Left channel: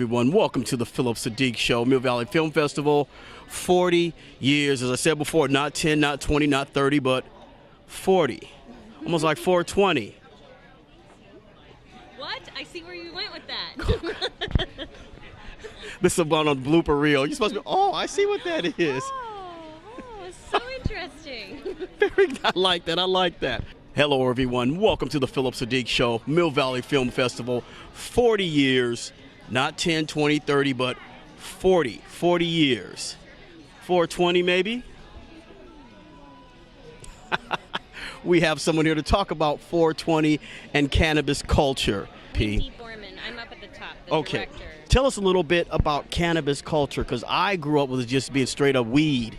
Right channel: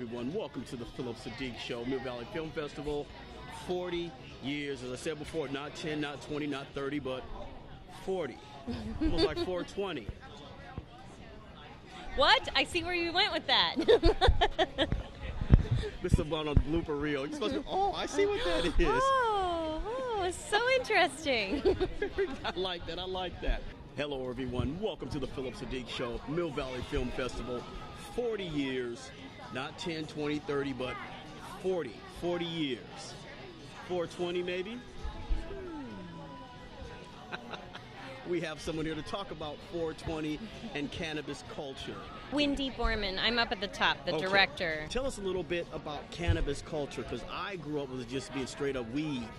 everyone. Welcome to the Phillip Siddiq Show, Mill Valley Film Festival. 40 years, as I said before, not 10, not 20, not 30, but 40. Almost like 420. What? I see where you went with that. This is about on the blooper reel. You're supposed to be, oh, I see what that is. Oh, it's so interesting. I like that. Hello, everyone. Welcome to the Phillip Siddiq Show, Mill Valley Film Festival. 40 years, not 10, 20, 30, but 40 years. 420 maybe? We have someone here to talk about 420 and cannabis culture. Windy Borman. I'm up at the top, the director. Tell us a little bit about cannabis culture, because I grew up with it just being straight up weed.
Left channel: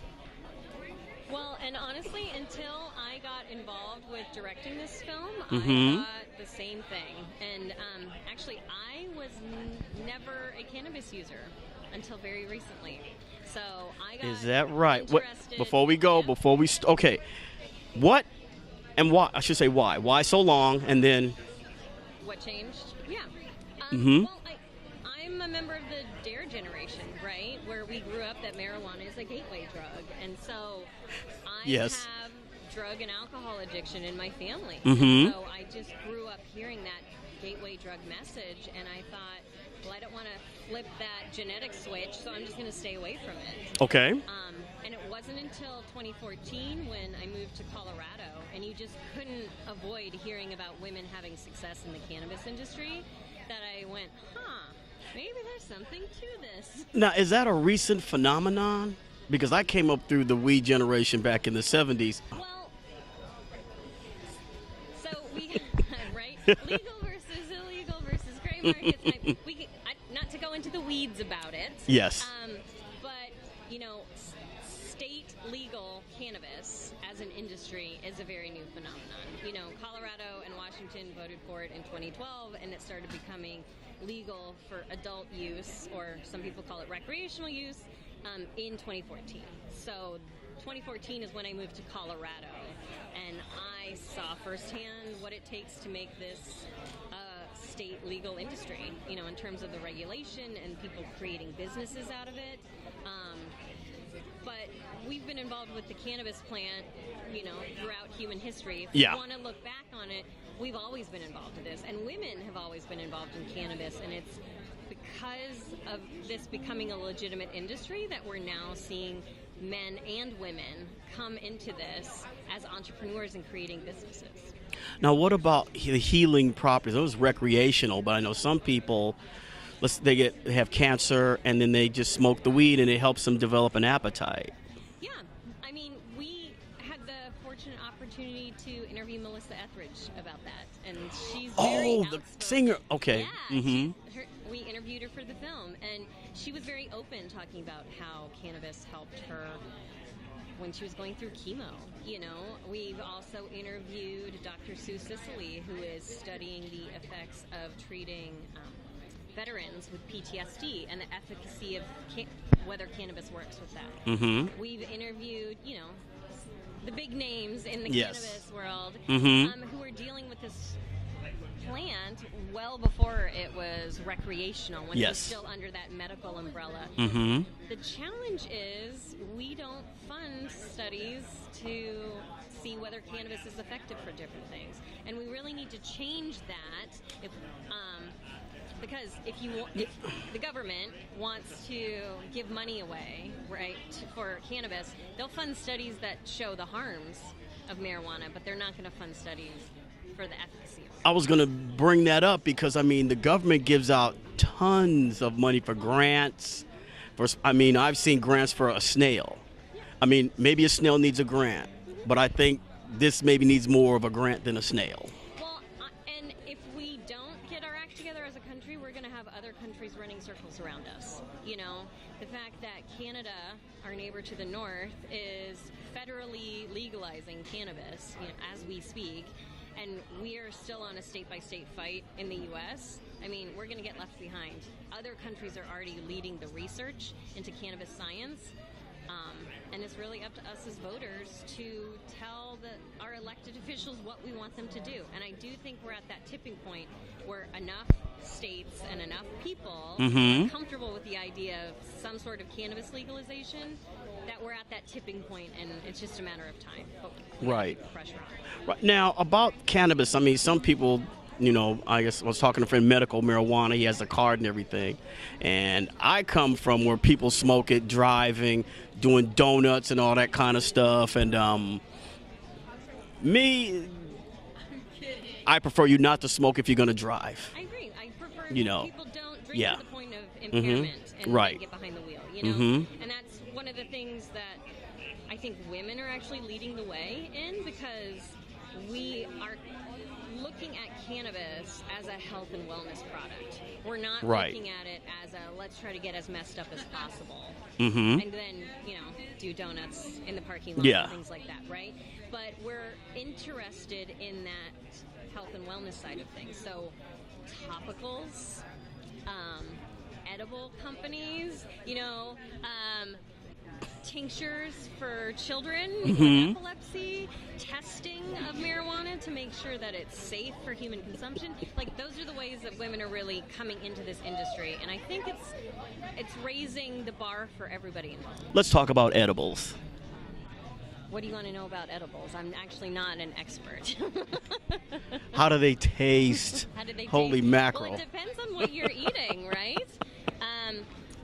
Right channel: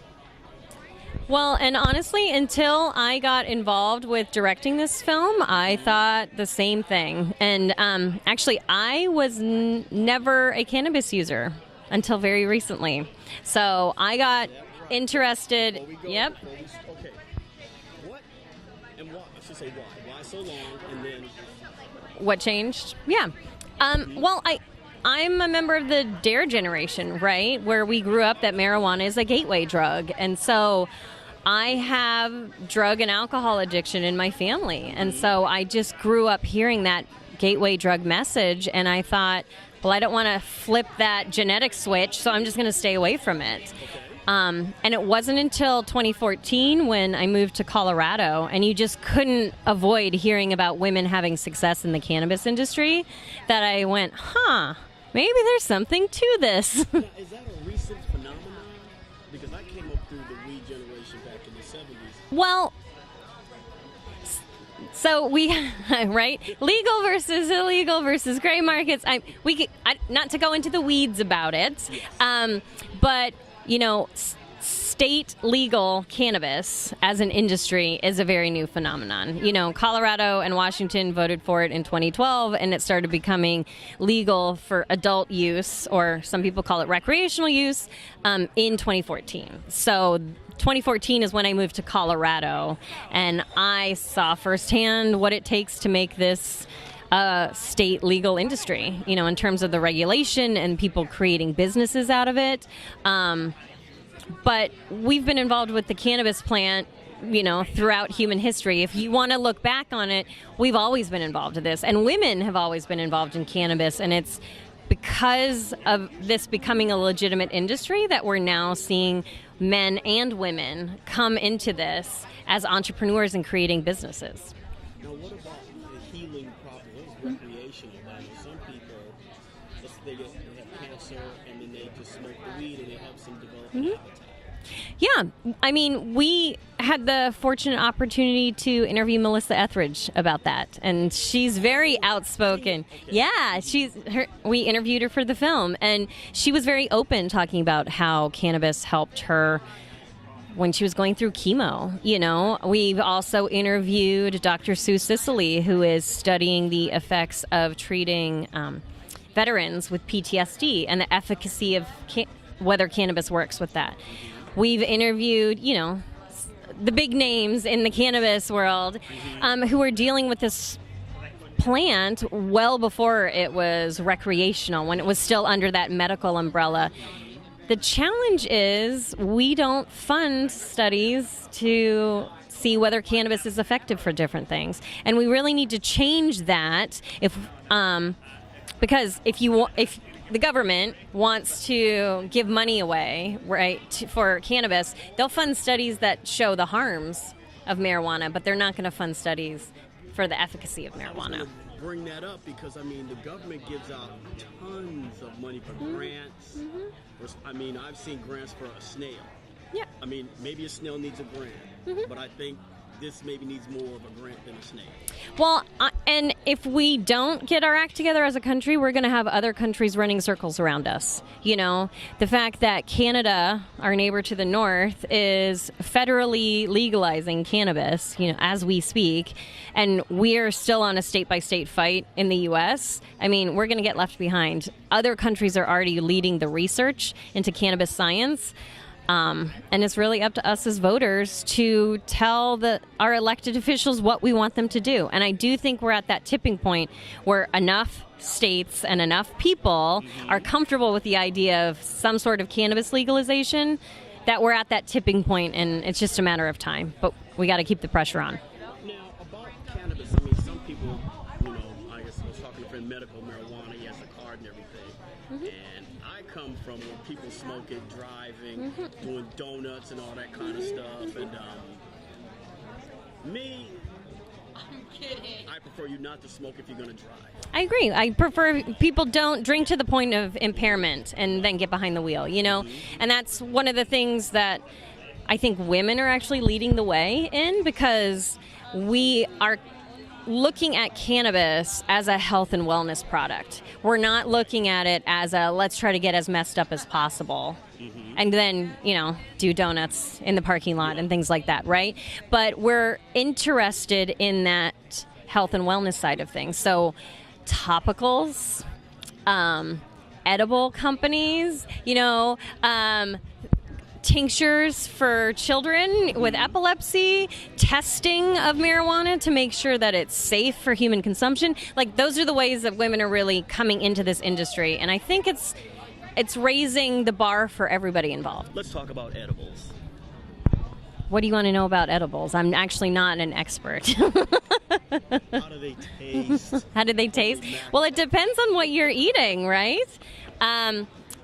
Well, and honestly, until I got involved with directing this film, I thought the same thing. And actually, I was never a cannabis user until very recently. So I got interested. Before we go, okay. What and why? I should say why. Why so long, and then what changed? Yeah. Well, I'm a member of the DARE generation, right? Where we grew up that marijuana is a gateway drug. And so I have drug and alcohol addiction in my family. And so I just grew up hearing that gateway drug message. And I thought, well, I don't want to flip that genetic switch, so I'm just going to stay away from it. Okay. And it wasn't until 2014 when I moved to Colorado, and you just couldn't avoid hearing about women having success in the cannabis industry, that I went, maybe there's something to this. Now, is that a recent phenomenon? Because I came up through the weed generation back in the 70s. Well, so we, right? Legal versus illegal versus gray markets. Not to go into the weeds about it. Yes. But, you know, state legal cannabis as an industry is a very new phenomenon. You know, Colorado and Washington voted for it in 2012, and it started becoming legal for adult use, or some people call it recreational use, in 2014. So 2014 is when I moved to Colorado, and I saw firsthand what it takes to make this state legal industry, you know, in terms of the regulation and people creating businesses out of it. But we've been involved with the cannabis plant, you know, throughout human history. If you want to look back on it, we've always been involved in this. And women have always been involved in cannabis. And it's because of this becoming a legitimate industry that we're now seeing men and women come into this as entrepreneurs and creating businesses. Now, what about the healing properties? Those recreational, but I know some people, they have cancer, and then they just smoke the weed, and it helps them develop an appetite. Yeah. I mean, we had the fortunate opportunity to interview Melissa Etheridge about that, and she's very outspoken. Okay. Yeah, we interviewed her for the film, and she was very open talking about how cannabis helped her when she was going through chemo. You know, we've also interviewed Dr. Sue Sicily, who is studying the effects of treating veterans with PTSD and the efficacy of whether cannabis works with that. We've interviewed, you know, the big names in the cannabis world who are dealing with this plant well before it was recreational, when it was still under that medical umbrella. The challenge is we don't fund studies to see whether cannabis is effective for different things, and we really need to change that. Because if the government wants to give money away, right, for cannabis, they'll fund studies that show the harms of marijuana, but they're not going to fund studies for the efficacy of marijuana. I was going to bring that up because, I mean, the government gives out tons of money for grants. I've seen grants for a snail. Yeah. I mean, maybe a snail needs a grant, but I think this maybe needs more of a grant than a snail. Well, and if we don't get our act together as a country, we're going to have other countries running circles around us. You know, the fact that Canada, our neighbor to the north, is federally legalizing cannabis, you know, as we speak, and we're still on a state-by-state fight in the U.S., I mean, we're going to get left behind. Other countries are already leading the research into cannabis science. And it's really up to us as voters to tell our elected officials what we want them to do. And I do think we're at that tipping point where enough states and enough people are comfortable with the idea of some sort of cannabis legalization that we're at that tipping point, and it's just a matter of time. But we got to keep the pressure on. Right. Now, about cannabis, I mean, some people, you know, I guess I was talking to a friend, medical marijuana, he has a card and everything. And I come from where people smoke it, driving, doing donuts and all that kind of stuff. And I prefer you not to smoke if you're going to drive. I agree. I prefer people don't drink to the point of impairment and Right. then get behind the wheel, you know? And that's one of the things that I think women are actually leading the way in, because we are looking at cannabis as a health and wellness product. We're not looking at it as a let's try to get as messed up as possible and then, you know, do donuts in the parking lot and things like that, right? But we're interested in that health and wellness side of things. So topicals, edible companies, you know, tinctures for children with epilepsy, testing of marijuana to make sure that it's safe for human consumption. Like, those are the ways that women are really coming into this industry, and I think it's raising the bar for everybody involved. Let's talk about edibles. What do you want to know about edibles? I'm actually not an expert. How do they taste? How do they taste? Holy mackerel. Well, it depends on what you're eating, right?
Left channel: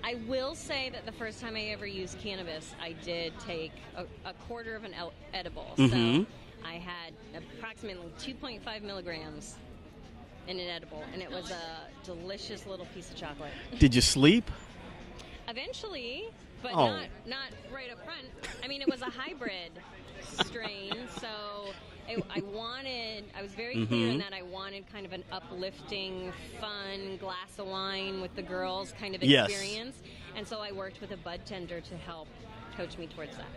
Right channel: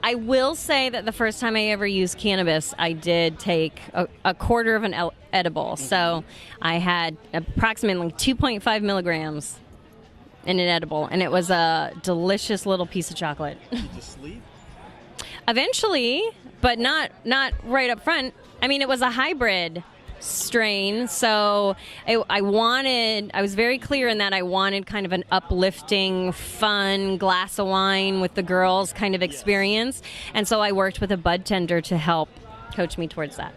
I will say that the first time I ever used cannabis, I did take a quarter of an edible. So I had approximately 2.5 milligrams in an edible, and it was a delicious little piece of chocolate. Did you sleep? Eventually, but not right up front. I mean, it was a hybrid strain, so I was very clear in that I wanted kind of an uplifting, fun glass of wine with the girls kind of experience. And so I worked with a bud tender to help coach me towards that.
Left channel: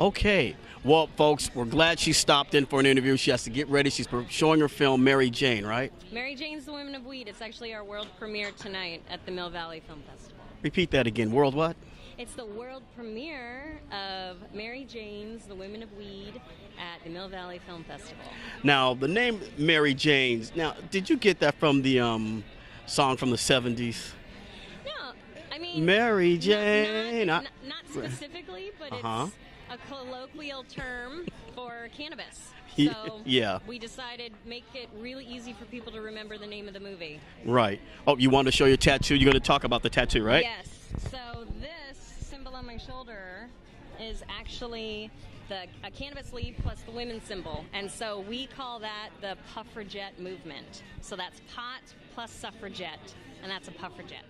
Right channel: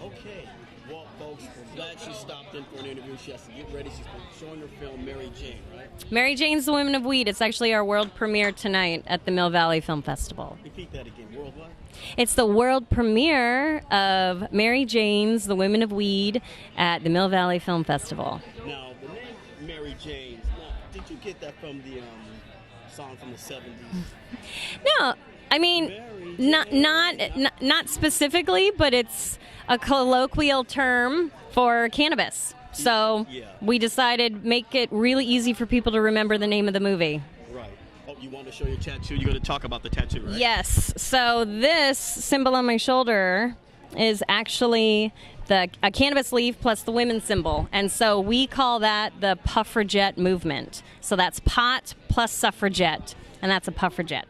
Okay. Well, folks, we're glad she stopped in for an interview. She has to get ready. She's showing her film, Mary Jane, right? Mary Jane's the Women of Weed. It's actually our world premiere tonight at the Mill Valley Film Festival. Repeat that again. World what? It's the world premiere of Mary Jane's The Women of Weed at the Mill Valley Film Festival. Now, the name Mary Jane's, now, did you get that from the song from the 70s? No. I mean, Mary Jane. Not specifically, but it's a colloquial term for cannabis. So we decided make it really easy for people to remember the name of the movie. Right. Oh, you want to show your tattoo? You're going to talk about the tattoo, right? Yes. So this symbol on my shoulder is actually a cannabis leaf plus the women's symbol. And so we call that the puffragette movement. So that's pot plus suffragette, and that's a puffragette.